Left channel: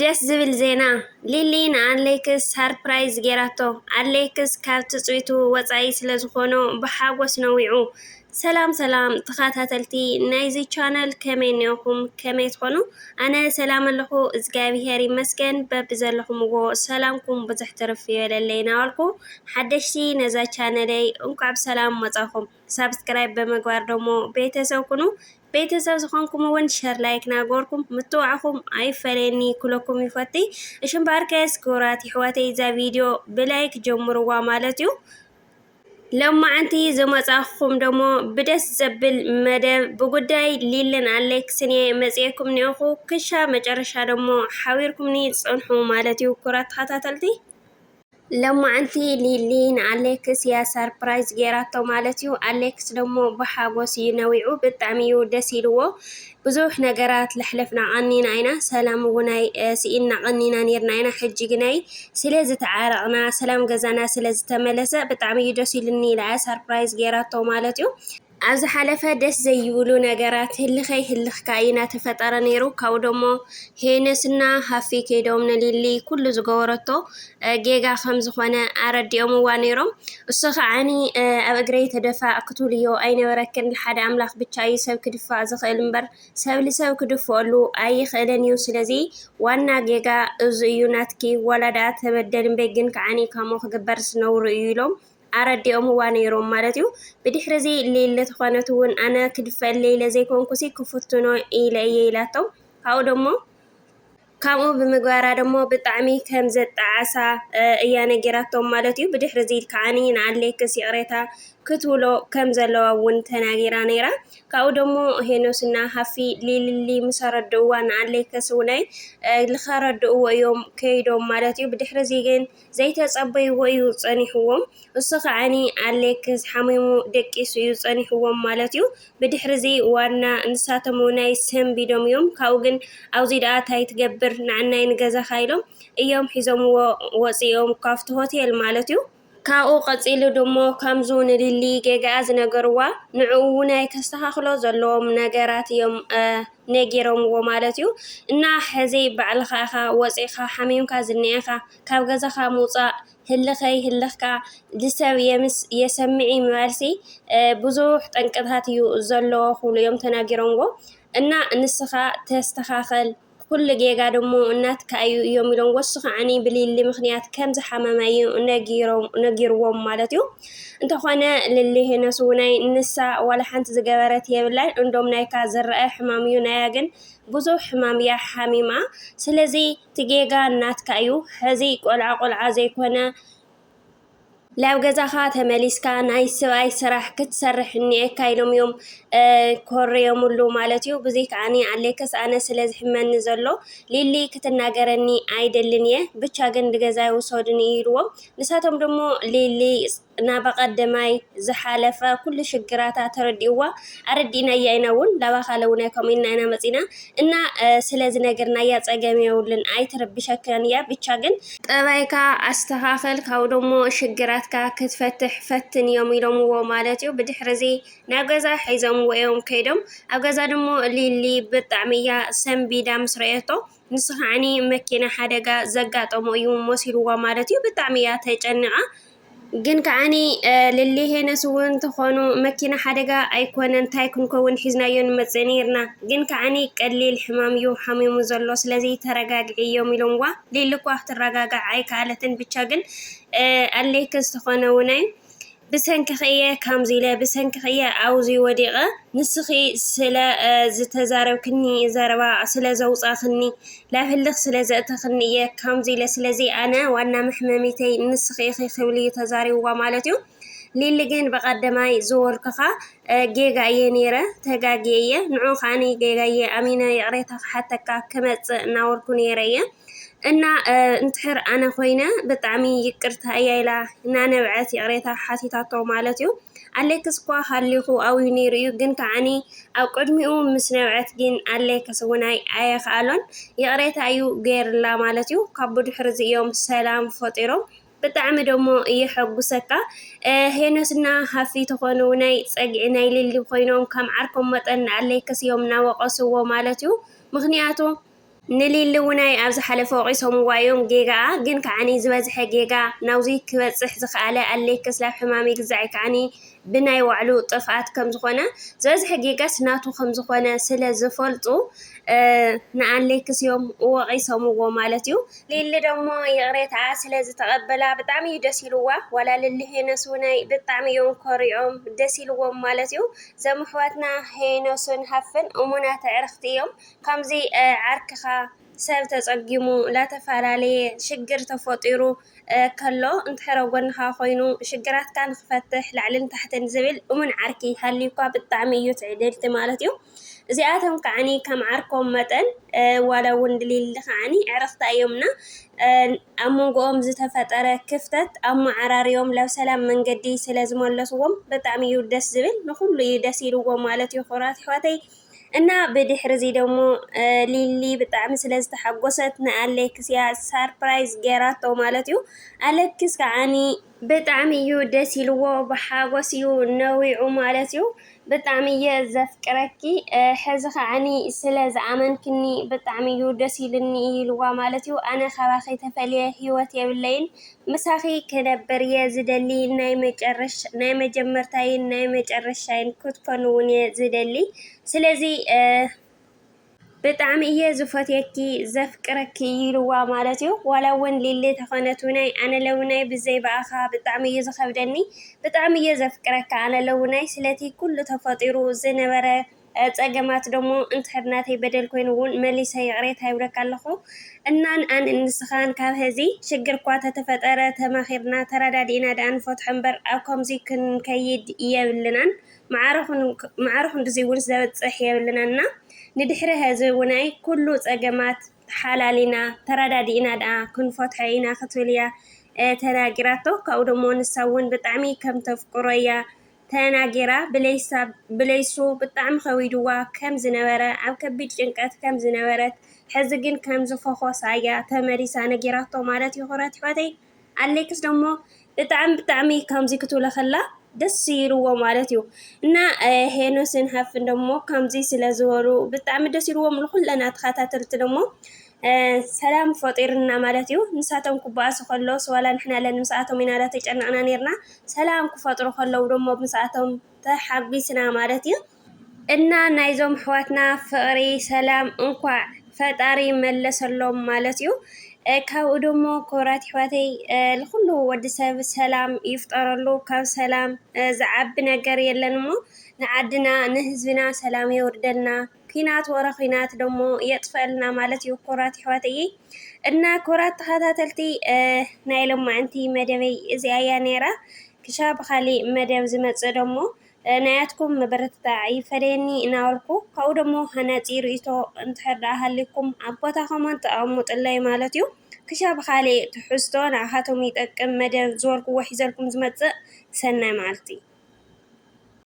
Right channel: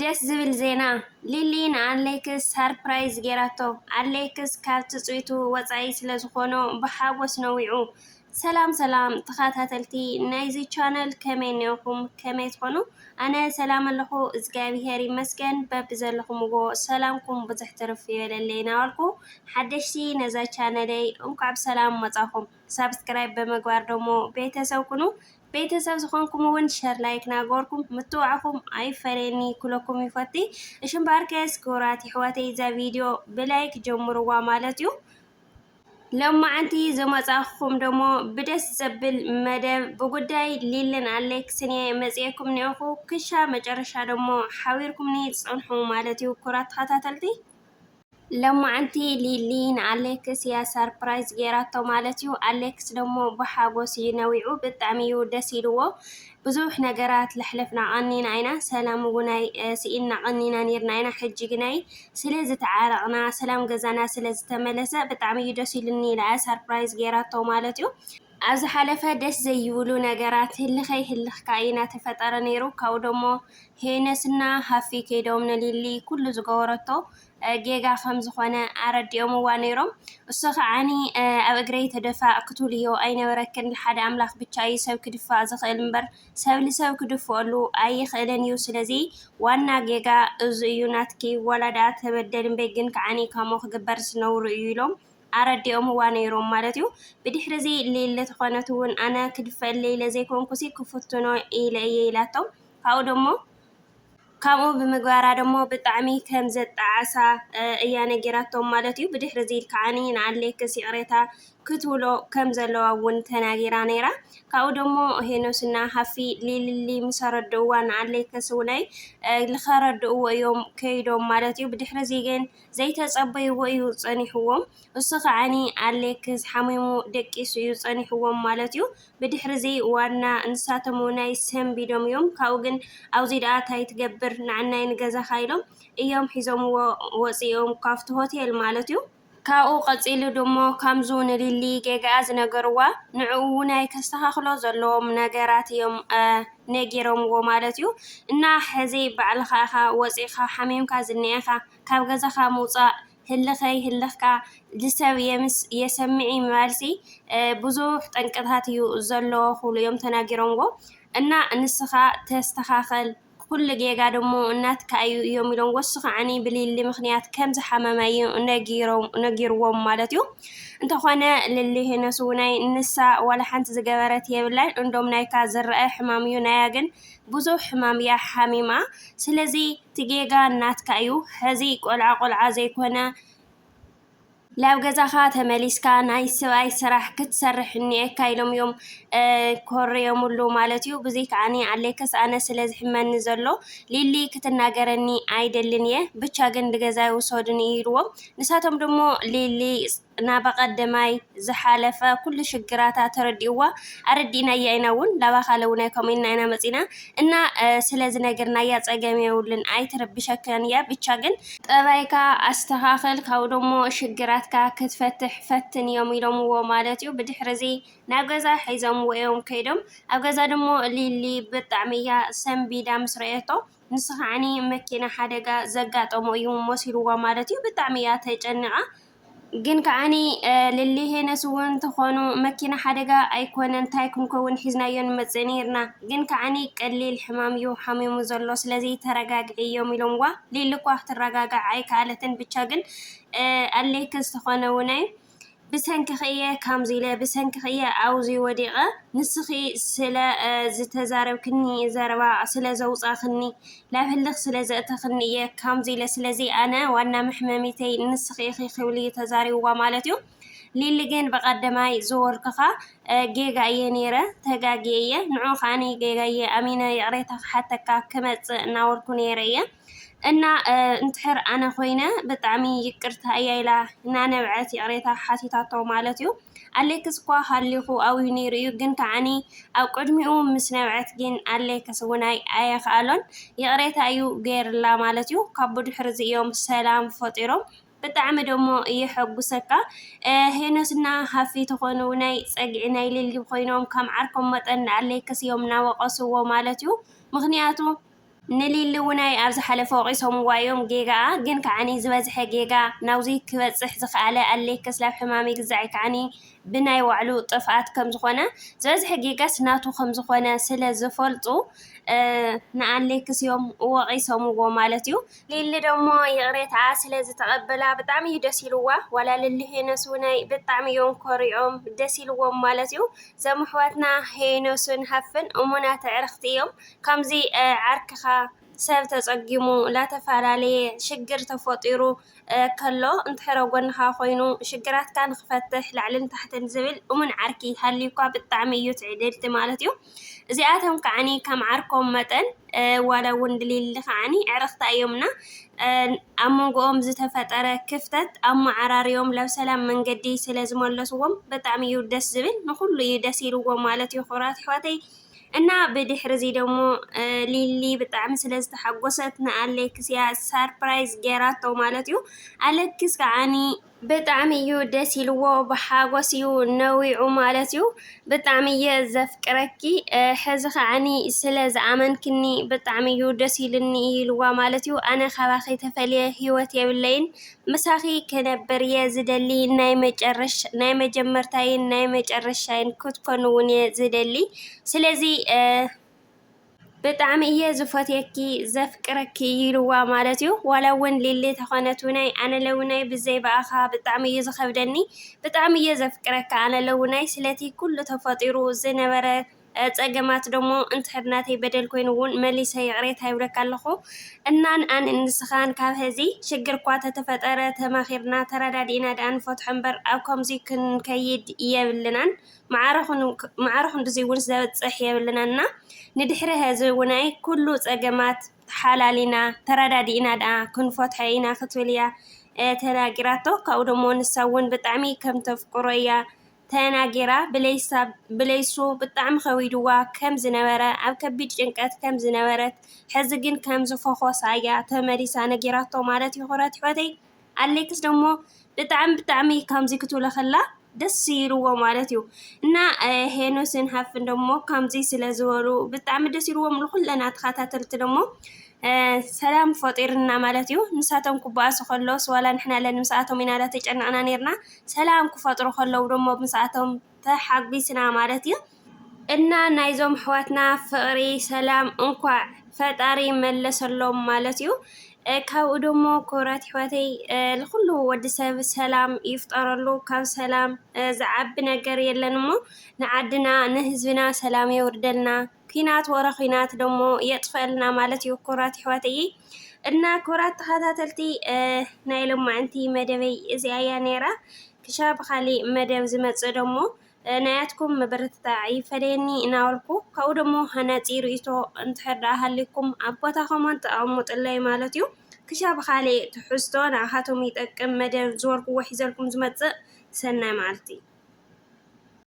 ደስ ዝብል ዜና ሊሊ ንኣሌክስ ሰርፕራይዝ ጌራቶ ኣሌክስ ካብ ትፅቢቱ ወፃኢ ስለ ዝኾኑ ብሓጎስ ነዊዑ። ሰላም ሰላም ተኸታተልቲ ናይዚ ቻነል ከመይ ኔኹም ከመይ ትኾኑ? ኣነ ሰላም ኣለኹ እግዚኣብሔር ይመስገን። በቢ ዘለኹምዎ ሰላምኩም ብዙሕ ትርፍ ይበለለይ ናበልኩ ሓደሽቲ ነዛ ቻነለይ እንኳዕ ብሰላም መጻኹም። ሰብስክራይብ ብምግባር ደሞ ቤተሰብ ኩኑ። ቤተሰብ ዝኾንኩም እውን ሸር ላይክ ናገርኩም ምትዋዕኹም ኣይፈለኒ ኩለኩም ይፈቲ እሽም ባርከስ ክብራት ይሕወተይ ዛ ቪድዮ ብላይክ ጀምርዋ ማለት እዩ። ሎማዓንቲ ዝመጻኹም ደሞ ብደስ ዘብል መደብ ብጉዳይ ሊልን ኣሌክስን መጽኤኩም ኔኹ ክሻ መጨረሻ ደሞ ሓቢርኩምኒ ጽንሑ ማለት እዩ። ክብራት ተኸታተልቲ ሎማዓንቲ ሊሊ ንኣሌክስ ያ ሰርፕራይዝ ጌራቶ ማለት እዩ። ኣሌክስ ደሞ ብሓጎስ ይነዊዑ ብጣዕሚ እዩ ደስ ኢልዎ። ብዙሕ ነገራት ለሕለፍና ቀኒና ኢና ሰላም እውናይ ስኢና ቀኒና ነርና ኢና ሕጂ ግናይ ስለ ዝተዓረቕና ሰላም ገዛና ስለ ዝተመለሰ ብጣዕሚ እዩ ደስ ኢሉኒ ኢላ ሰርፕራይዝ ጌራቶ ማለት እዩ። ኣብዚ ሓለፈ ደስ ዘይብሉ ነገራት ህልኸይ ህልኽካ ኢና ተፈጠረ ነይሩ። ካብኡ ደሞ ሄነስና ሃፊ ከይዶም ንሊሊ ኩሉ ዝገበረቶ ጌጋ ከም ዝኾነ ኣረዲኦምዋ ነይሮም። እሱ ኸዓኒ ኣብ እግረይ ተደፋእ ክትብልዮ ኣይነበረክን ሓደ ኣምላኽ ብቻ እዩ ሰብ ክድፋእ ዝኽእል እምበር ሰብ ልሰብ ክድፍአሉ ኣይኽእልን እዩ። ስለዚ ዋና ጌጋ እዚ እዩ ናትኪ ወላዳ ተበደልን በግን ከዓኒ ከምኡ ክግበር ዝነብሩ እዩ ኢሎም ኣረዲኦምዋ ነይሮም ማለት እዩ። ብድሕሪ እዚ ሌለ ተኾነት እውን ኣነ ክድፈአለይ ለዘይኮንኩሲ ክፍትኖ ኢለ እየ ኢላቶም። ካብኡ ደሞ ከምኡ ብምግባራ ደሞ ብጣዕሚ ከም ዘጣዓሳ እያ ነጊራቶም ማለት እዩ። ብድሕሪ እዚ ከዓኒ ንኣሌክስ ይቕሬታ ክትብሎ ከም ዘለዋ እውን ተናጊራ ነይራ። ካብኡ ደሞ ሄኖስና ሃፊ ሊሊ ምስ ረድእዋ ንኣሌክስ እውነይ ልኸረድእዎ እዮም ከይዶም ማለት እዩ። ብድሕሪ እዚ ግን ዘይተጸበይዎ እዩ ጸኒሕዎም። እሱ ኸዓኒ ኣሌክስ ሓሚሙ ደቂሱ እዩ ጸኒሕዎም ማለት እዩ። ብድሕሪ እዚ ዋና ንሳቶም እውናይ ሰንቢዶም እዮም። ካብኡ ግን ኣብዚ ደኣ ታይ ትገብር ንዓናይ ንገዛኻ ኢሎም እዮም ሒዞምዎ ወፂኦም ካብቲ ሆቴል ማለት እዩ። ካብኡ ቀፂሉ ደሞ ከምዙ ንሊሊ ጌጋኣ ዝነገርዋ ንዕኡ ናይ ከስተኻኽሎ ዘለዎም ነገራት እዮም ነጊሮምዎ ማለት እዩ። እና ሕዚ ባዕልኻ ኢኻ ወፂኻ ሓሚምካ ዝኒአኻ ካብ ገዛኻ ምውፃእ ህልኸይ ህልኽካ ልሰብ የሰምዒ መልሲ ብዙሕ ጠንቅታት እዩ ዘለዎ ኩሉ እዮም ተናጊሮምዎ። እና ንስኻ ተስተኻኸል ኩሉ ጌጋ ደሞ እናትካ እዩ እዮም ኢሎም ወሱ ኸዓኒ ብሊሊ ምኽንያት ከም ዝሓመመ እዩ ነጊርዎም ማለት እዩ። እንተኾነ ልሊ ሄነስ እውናይ ንሳ ዋላ ሓንቲ ዝገበረት የብላይ እንዶም ናይካ ዝረአ ሕማም እዩ ናያ ግን ብዙሕ ሕማም እያ ሓሚማ። ስለዚ ትጌጋ እናትካ እዩ ሕዚ ቆልዓ ቆልዓ ዘይኮነ ላብ ገዛኻ ተመሊስካ ናይ ሰብኣይ ስራሕ ክትሰርሕ እኒአካ ኢሎም እዮም ኮርዮምሉ ማለት እዩ። ብዘይ ከዓኒ ኣሌክስ ኣነ ስለ ዝሕመኒ ዘሎ ሊሊ ክትናገረኒ ኣይደልን እየ ብቻ ግን ንገዛይ ውሰዱኒ ኢልዎም። ንሳቶም ደሞ ሊሊ ናበቐደማይ ዝሓለፈ ኩሉ ሽግራታ ተረዲእዋ ኣረዲእናያ ኢና እውን ላባኻ ለውናይ ከምኡኢልና ኢና መፂና እና ስለዚ ነገር ናያ ፀገም የብልን ኣይትረብሸከን እያ ብቻ ግን ጠባይካ ኣስተኻኽል ካብኡ ደሞ ሽግራትካ ክትፈትሕ ፈትን እዮም ኢሎምዎ ማለት እዩ። ብድሕሪ እዚ ናብ ገዛ ሒዞምዎ እዮም ከይዶም ኣብ ገዛ ደሞ ሊሊ ብጣዕሚ እያ ሰንቢዳ ምስ ረአቶ ንስ ኸዓኒ መኪና ሓደጋ ዘጋጠሞ እዩ መሲልዋ ማለት እዩ። ብጣዕሚ እያ ተጨኒቓ ግን ከዓኒ ልሊ ሄነስ እውን ተኾኑ መኪና ሓደጋ ኣይኮነን እንታይ ክንከውን ሒዝናዮ ንመፅእ ነርና ግን ከዓኒ ቀሊል ሕማም እዩ ሓሚሙ ዘሎ ስለዚ ተረጋግዒ እዮም ኢሎምዋ። ሊሊ እኳ ክትረጋጋዕ ኣይከኣለትን ብቻ ግን ኣሌክስ ተኾነ እውናይ ብሰንኪኽየ ከምዚ ኢለ ብሰንኪኽየ ኣውዚ ወዲቐ ንስኺ ስለ ዝተዛረብክኒ ዘረባ ስለ ዘውፃኽኒ ላብ ህልኽ ስለ ዘእተኽኒ እየ ከምዚ ኢለ ስለዚ ኣነ ዋና መሕመሚተይ ንስኺ ኢኺ ክብል ተዛሪብዋ ማለት እዩ። ሊሊ ግን በቐደማይ ዝወልክኻ ጌጋ እየ ነይረ ተጋጊየ እየ ንዑ ኸዓኒ ጌጋ እየ ኣሚነ ይቕሬታ ክሓተካ ክመፅእ እናወልኩ ነይረ እየ እና እንትሕር ኣነ ኮይነ ብጣዕሚ ይቅርታ እያ ኢላ እናነብዐት ይቕሬታ ሓቲታቶ ማለት እዩ። ኣሌክስ እኳ ሃሊኹ ኣብዩ ነይሩ እዩ ግን ከዓኒ ኣብ ቅድሚኡ ምስ ነብዐት ግን ኣሌክስ እውናይ ኣየኸኣሎን ይቕሬታ እዩ ገይርላ ማለት እዩ። ካብ ብድሕሪ እዚ እዮም ሰላም ፈጢሮም ብጣዕሚ ደሞ እየሐጉሰካ ሄነስና ሃፊ ተኾኑ ናይ ፀግዒ ናይ ሊሊ ኮይኖም ከም ዓርኮም መጠን ኣሌክስ እዮም እናወቐስዎ ማለት እዩ። ምክንያቱ ንሊሊ ውናይ ኣብዚ ሓለፈ ወቂሶምዋ እዮም ጌጋ ግን ከዓኒ ዝበዝሐ ጌጋ ናብዚ ክበፅሕ ዝኽኣለ ኣሌክስ ናብ ሕማም ይግዛዕ ከዓኒ ብናይ ባዕሉ ጥፍኣት ከም ዝኾነ ዝበዝሐ ጌጋስ ናቱ ከም ዝኾነ ስለ ዝፈልጡ ንኣሌክስ እዮም ወቂሶምዎ ማለት እዩ። ሊሊ ደሞ ይቕሬትዓ ስለ ዝተቐበላ ብጣዕሚ እዩ ደስ ኢልዋ ዋላ ልሊ ሄኖስ ውናይ ብጣዕሚ እዮም ኮሪዖም ደስ ኢልዎም ማለት እዩ። እዞም ኣሕዋትና ሄኖስን ሃፍን እሙናት ኣዕርኽቲ እዮም ከምዚ ዓርክኻ ሰብ ተፀጊሙ ላተፈላለየ ሽግር ተፈጢሩ ከሎ እንድሕር ጎንኻ ኮይኑ ሽግራትካ ንክፈትሕ ላዕልን ታሕትን ዝብል እሙን ዓርኪ ሃልዩካ ብጣዕሚ እዩ ትዕድልቲ ማለት እዩ። እዚኣቶም ከዓኒ ከም ዓርኮም መጠን ዋላ እውን ድሊሊ ከዓኒ ኣዕርኽታ እዮምና ኣብ መንጎኦም ዝተፈጠረ ክፍተት ኣመዓራርዮም ላብ ሰላም መንገዲ ስለ ዝመለስዎም ብጣዕሚ እዩ ደስ ዝብል ንኩሉ እዩ ደስ ኢልዎም ማለት እዩ ክቡራት ኣሕዋተይ። እና ብድሕሪ እዚ ደሞ ሊሊ ብጣዕሚ ስለ ዝተሓጎሰት ንኣሌክስ እያ ሰርፕራይዝ ጌራቶ ማለት እዩ። ኣሌክስ ከዓኒ ብጣዕሚ እዩ ደስ ኢልዎ ብሓጎስ እዩ ነዊዑ ማለት እዩ። ብጣዕሚ እየ ዘፍቅረኪ ሕዚ ከዓኒ ስለ ዝኣመንክኒ ብጣዕሚ እዩ ደስ ኢልኒ ኢልዋ ማለት እዩ። ኣነ ካባኺ ተፈልየ ሂወት የብለይን ምሳኺ ክነብር እየ ዝደሊ ናይ መጀመርታይን ናይ መጨረሻይን ክትኮኑ እውን እየ ዝደሊ ስለዚ ብጣዕሚ እየ ዝፈትየኪ ዘፍቅረኪ ኢልዋ ማለት እዩ። ዋላ እውን ሊሊ ተኾነት ውናይ ኣነ ለውናይ ብዘይ በኣኻ ብጣዕሚ እዩ ዝኸብደኒ ብጣዕሚ እየ ዘፍቅረካ ኣነ ለውናይ ስለቲ ኩሉ ተፈጢሩ ዝነበረ ፀገማት ደሞ እንድሕር ናተይ በደል ኮይኑ እውን መሊሰ ይቕሬታ ይብለካ ኣለኹ እና ንኣን እንስኻን ካብ ሕዚ ሽግር እኳ ተተፈጠረ ተማኺርና ተረዳዲእና ዳኣ ንፈትሖ እምበር ኣብ ከምዚ ክንከይድ የብልናን ማዕረ ክንድዚ እውን ዘብፅሕ የብልናና ንድሕሪ ሕዚ ውናይ ኩሉ ፀገማት ሓላሊና ተረዳዲእና ዳኣ ክንፈትሖ ኢና ክትብል እያ ተናጊራቶ። ካብኡ ደሞ ንሳ እውን ብጣዕሚ ከም ተፍቅሮ እያ ተናጊራ ብለይሱ ብጣዕሚ ከዊድዋ ከም ዝነበረ ኣብ ከቢድ ጭንቀት ከም ዝነበረት ሕዚ ግን ከም ዝፈኾሳ እያ ተመሊሳ ነጊራቶ ማለት እዩ። ክቡራት ኣሕዋተይ ኣሌክስ ደሞ ብጣዕሚ ከምዚ ክትብሎ ከላ ደስ ይልዎ ማለት እዩ። እና ሄኖስን ሃፍን ደሞ ከምዚ ስለ ዝበሉ ብጣዕሚ ደስ ይልዎም ንኩለና ተኸታተልቲ ደሞ ሰላም ፈጢርና ማለት እዩ። ንሳቶም ክበኣሱ ከለውስ ዋላ ንሕና ለን ምስኣቶም ኢና ተጨነቕና ነርና ሰላም ክፈጥሩ ከለው ደሞ ምስኣቶም ተሓጒስና ማለት እዩ። እና ናይዞም ኣሕዋትና ፍቕሪ ሰላም እንኳዕ ፈጣሪ መለሰሎም ማለት እዩ። ካብኡ ደሞ ክቡራት ኣሕዋተይ ንኩሉ ወዲ ሰብ ሰላም ይፍጠረሉ ካብ ሰላም ዝዓቢ ነገር የለን እሞ ንዓድና ንህዝብና ሰላም የውርደልና ኩናት ወረ ኩናት ደሞ የጥፈልና ማለት እዩ ክቡራት ኣሕዋተይ። እና ክቡራት ተኸታተልቲ ናይ ሎማዓንቲ መደበይ እዚኣ እያ ነይራ ክሻ ብኻሊእ መደብ ዝመፅእ ደሞ ናያትኩም መበረትታዕ ይፈለየኒ እናበልኩ ካብኡ ደሞ ሃናፂ ርእቶ እንድሕር ዳኣ ሃሊኩም ኣብ ቦታኹም ተቐምጡለይ ማለት እዩ። ክሻ ብኻሊእ ትሕዝቶ ንኣኻቶም ይጠቅም መደብ ዝበልክዎ ሒዘልኩም ዝመፅእ ሰናይ መዓልቲ